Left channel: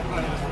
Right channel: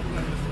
I'll play this.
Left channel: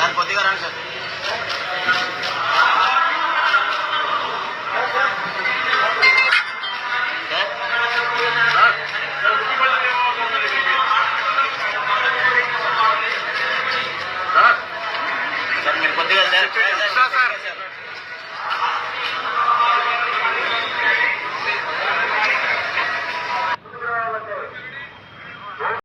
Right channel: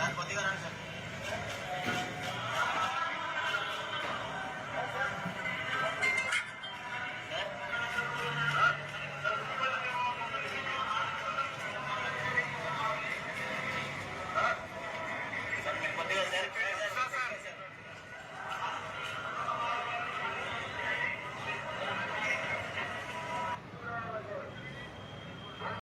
దాని కొద్దిగా రండి సార్